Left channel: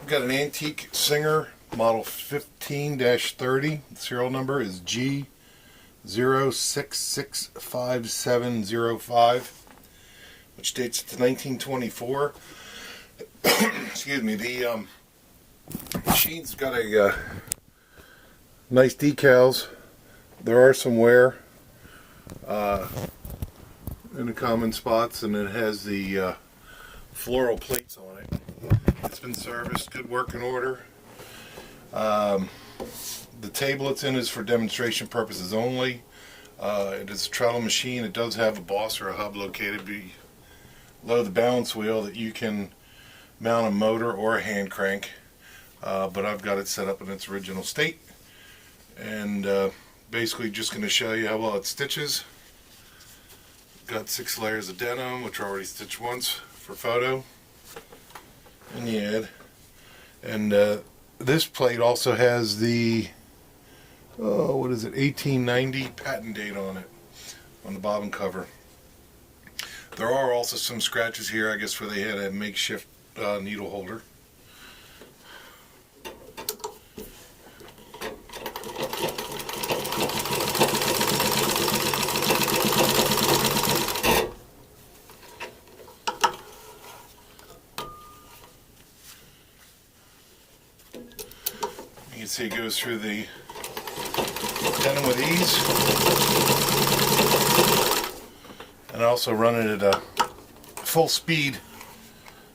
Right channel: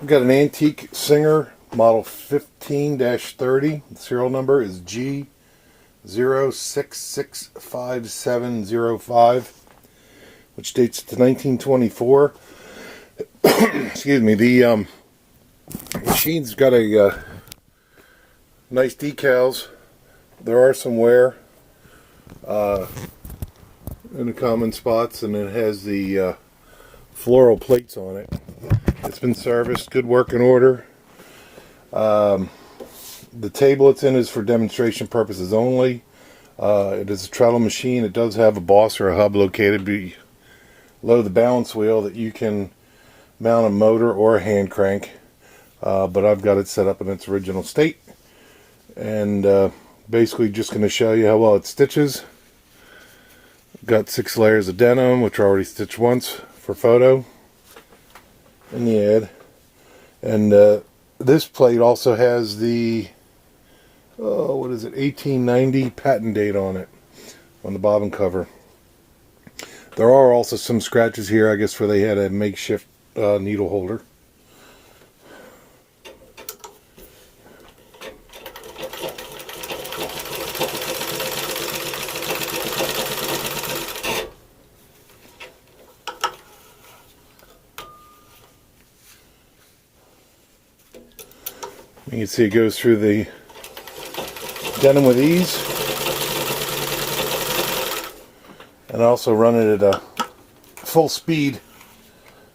I've got an antique Singer model 15-30. The serial number is G0665705, which dates to 1924. Excuse me. The machine's got a nice decals. There are some wear in the common spots, and it has the floral plates on it. It's been serviced, good working order. The table it's in is for demonstration purposes only. It is a treadle machine. It does have a boss or a hub located below the balance wheel that you can mount a motor or a hand crank. But I've got it set up in its original state. And basically just going to show you how well it stitches. Got 6 layers of denim, which are already stitched once for photo in the ad. And this plate also has the what is it, 1890 patent date on it, on the bottom cover. There are also some scratches here, I guess, where they had a makeshift needle holder. You can see it goes through the denim with ease. And I also run it at a full speed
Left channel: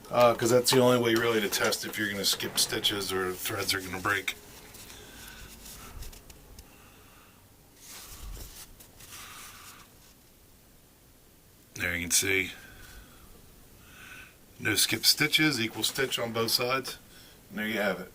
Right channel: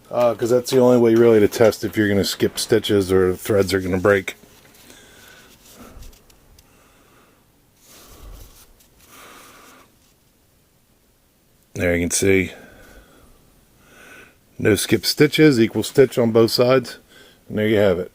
because that's the only way really to test if you're going to skip stitches or threads are going to break. There you can see no skip stitches, equal stitch on both sides, and there you have it.